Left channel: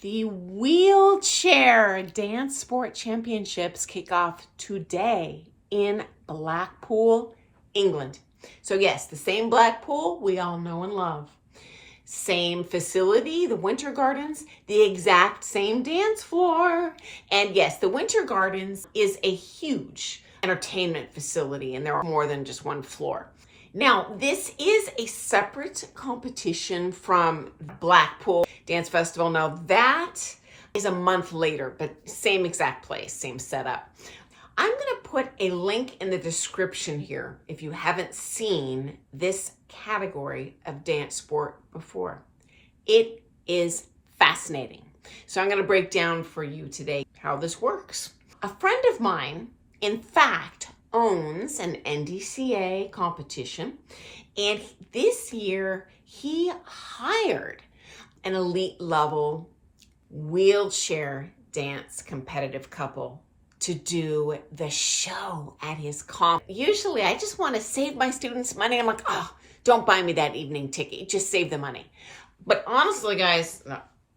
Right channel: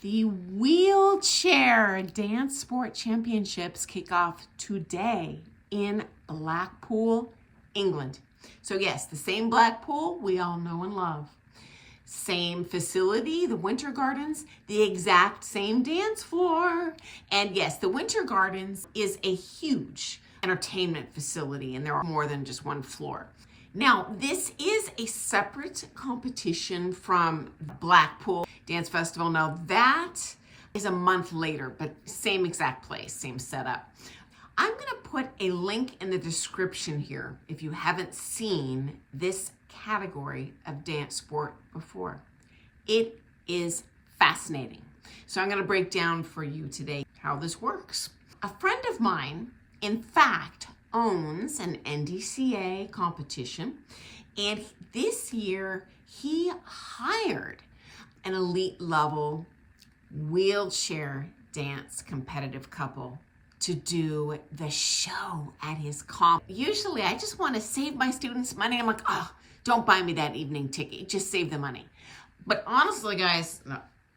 The wheelchair dance sport championships kick off today in Blackpool, England. So yes, the same Blackpool we all know and love. Same facility, the Winter Gardens, the exact same dance floor. And yes, the Winter Gardens is a huge entertainment facility, and there are more than just one floor. Now, this is a separate competition from Blackpool Dance Festival. Now, that is a month later, but same exact place, same setup. I'm going to put a link in the description here if you haven't seen this category of dance sport before. It is fascinating. So I'm going to break down for you today how this works. A friend of mine, in fact, owns an NDCA competition, and this year he hired an elite level wheelchair dance competitive couple to do the show at his comp. Usually I just want to save my students money. I'm like, oh, don't buy me that evening ticket, just save the money. But honestly, guys,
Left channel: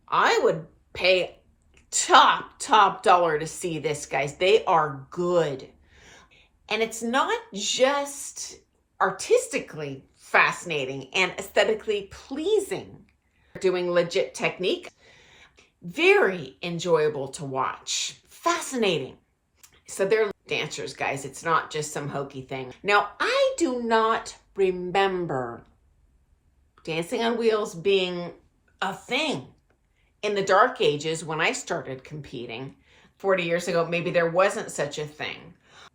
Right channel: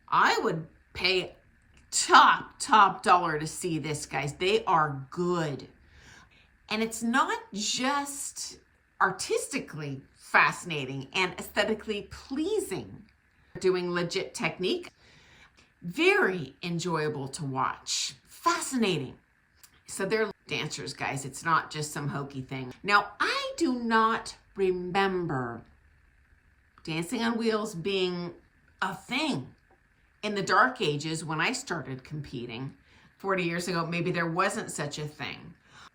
I would pay top dollar to see this, guys. They are good. And it's not just artistically fascinating and aesthetically pleasing. Doing legit technique. Very enjoyable to watch. Fascinating. So they're dancers, guys. It's not just some hokey thing. Now, I do not remember dancing on wheels being a thing. In the dark ages, when I started competing 40 years ago, maybe there wasn't such a thing.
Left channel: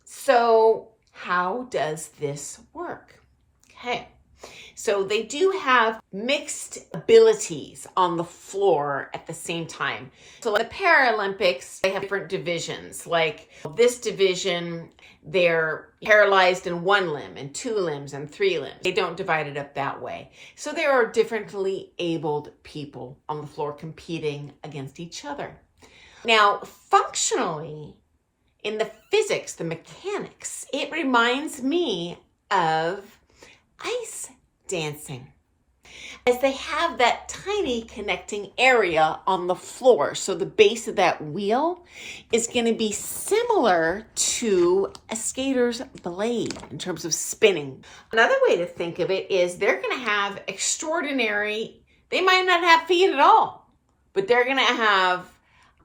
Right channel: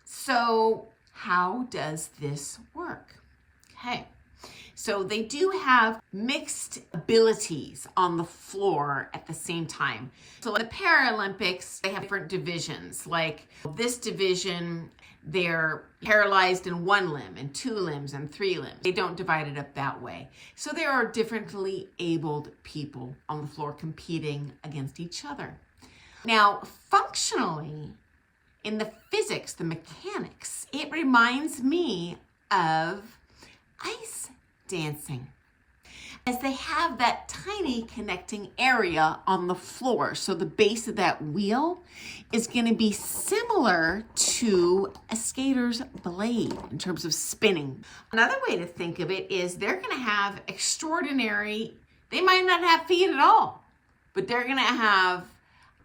So how does this work? Okay, so they do have mixed abilities on the floor at the same time. So in the Paralympics, they have different divisions. Like this division, they're paralyzed in one limb and two limbs and three limbs. They don't divide it up that way. So there are differently abled people on the floor competing against each other. Now, functionally, in the physics, the mechanics, it reminds me of ice dancing, as they have that tiny connecting area on the floor. So the base of that wheel is going to be similar to a skater's blade in terms of spinning. Another way to think of it is they're going to have extraordinary, they might not have feet at all, but they're going to have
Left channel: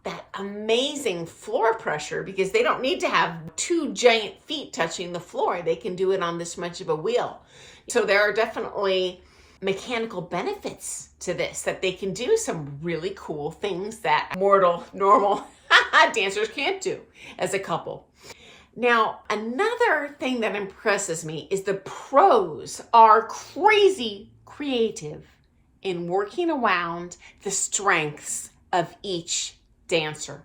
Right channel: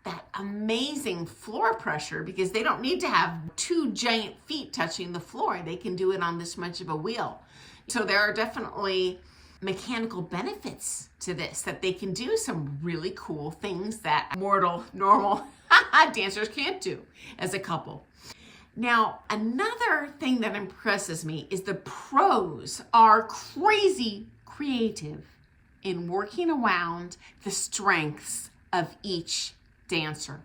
that amazing floor pressure because they don't need to have two giant feet touching the floor. They can do it on this much of a wheel. So there are definitely mechanical benefits to this, that they can do some really cool things that normal dancers can't do as a couple. Now, another thing that impresses me is the pros are crazy creative in working around the strengths of each dancer.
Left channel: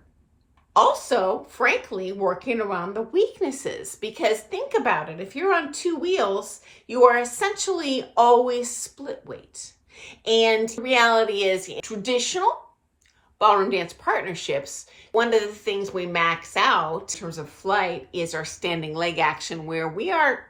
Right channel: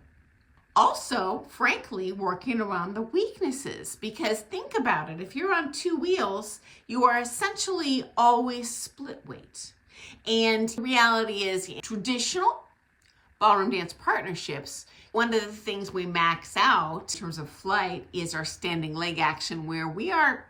Also, frankly, working around the weaknesses, because think about it. If you're on two wheels, you are essentially always split weight. And the reality is, traditional ballroom dance partnerships, one of the things we max out in terms of flight is our standing leg action, where we are,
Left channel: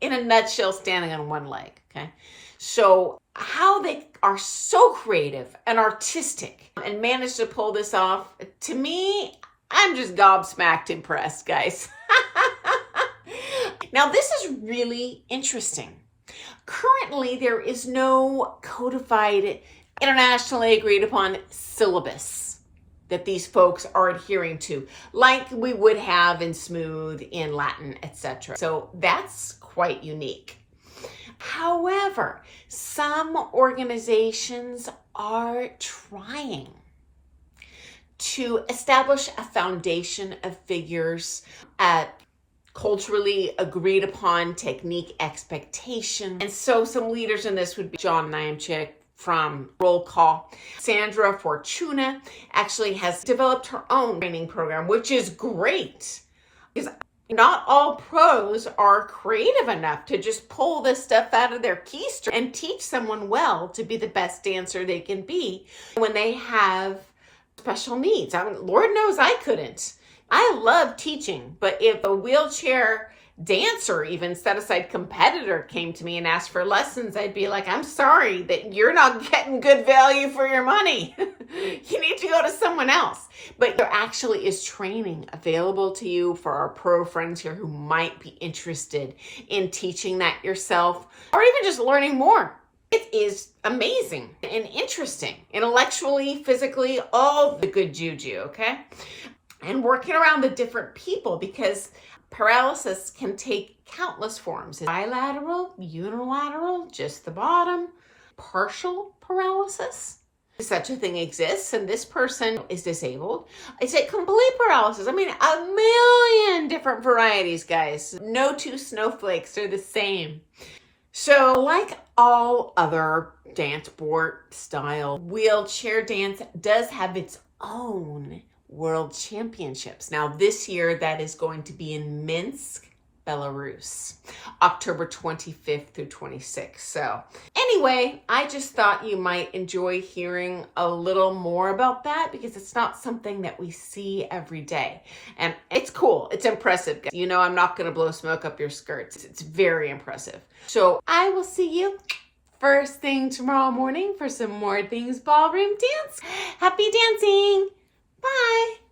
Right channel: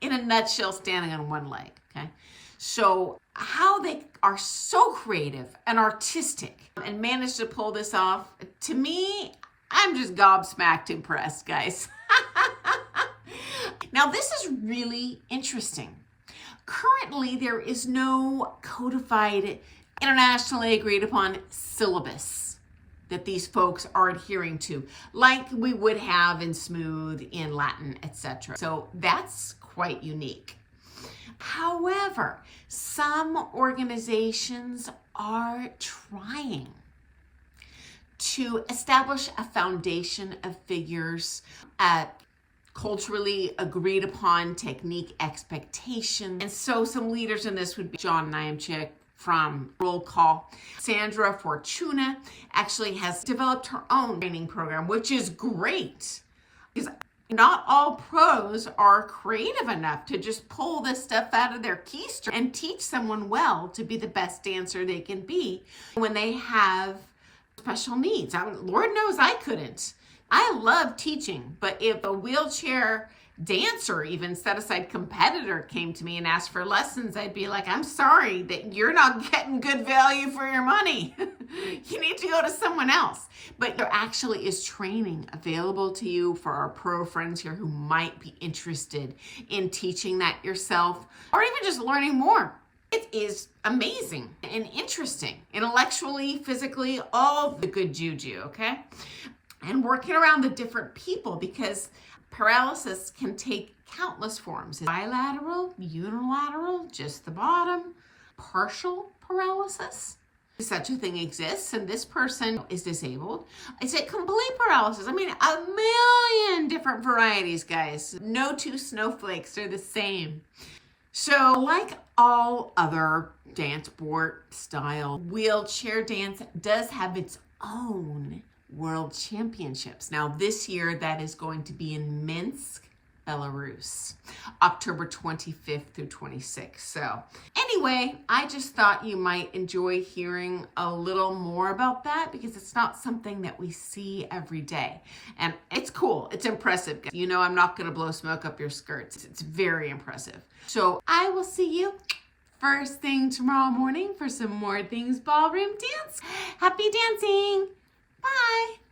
in a nutshell, standing on one leg, okay? So how they are so creative and artistic and manage to pull this off, to me, I'm just gobsmacked impressed, guys. Now, this is really interesting. Currently, there is no codified, internationally agreed upon syllabus that these folks are adhering to, like we would have in Smooth, in Latin, etc. So that's quite unique. However, some organizations are trying to establish a foundation of figures at culturally agreed upon technique expectation. And so some leaders in this would be John Niemczyk from Roll Call. Sandra Fortuna actually has developed her own training program, which is great, because not all pros are creative enough to just pull this stuff out of their keister and teach someone well to be the best dancer they can be when they have special needs. I mean, Lord knows I couldn't. I love teaching, but if a wheelchair dancer, even set aside competitor, came to me and asked for lessons, I'd be like, I'm sorry that you're not getting good value for your money. You need to go go to someone else. But there actually is training available to you for our pro friends here who might be interested in teaching that yourself or even just learning more. It is amazing and interesting, intellectually, physically, all the good juju, okay? And working around the different people, because paralysis can take countless forms. Bilateral, unilateral, just the bottom, partial paralysis. Such a thing exists, and this person is disabled. Is it complete paralysis? I mean, a million different varieties, guys. No two snowflakes are the same. So like all other dance sport style, wheelchair dance does have its own world championships. Now this year that is going to be in Minsk, Belarus, October 25th through 26th. So anyway, I just thought you might enjoy hearing a little more about that because it's not something that we see every day. And it's cool. It's impressive. You know, I'm not going to blow smoke up your skirts. It's very impressive. So I will see you first thing tomorrow morning for some more things ballroom dance. Happy dancing. Bye.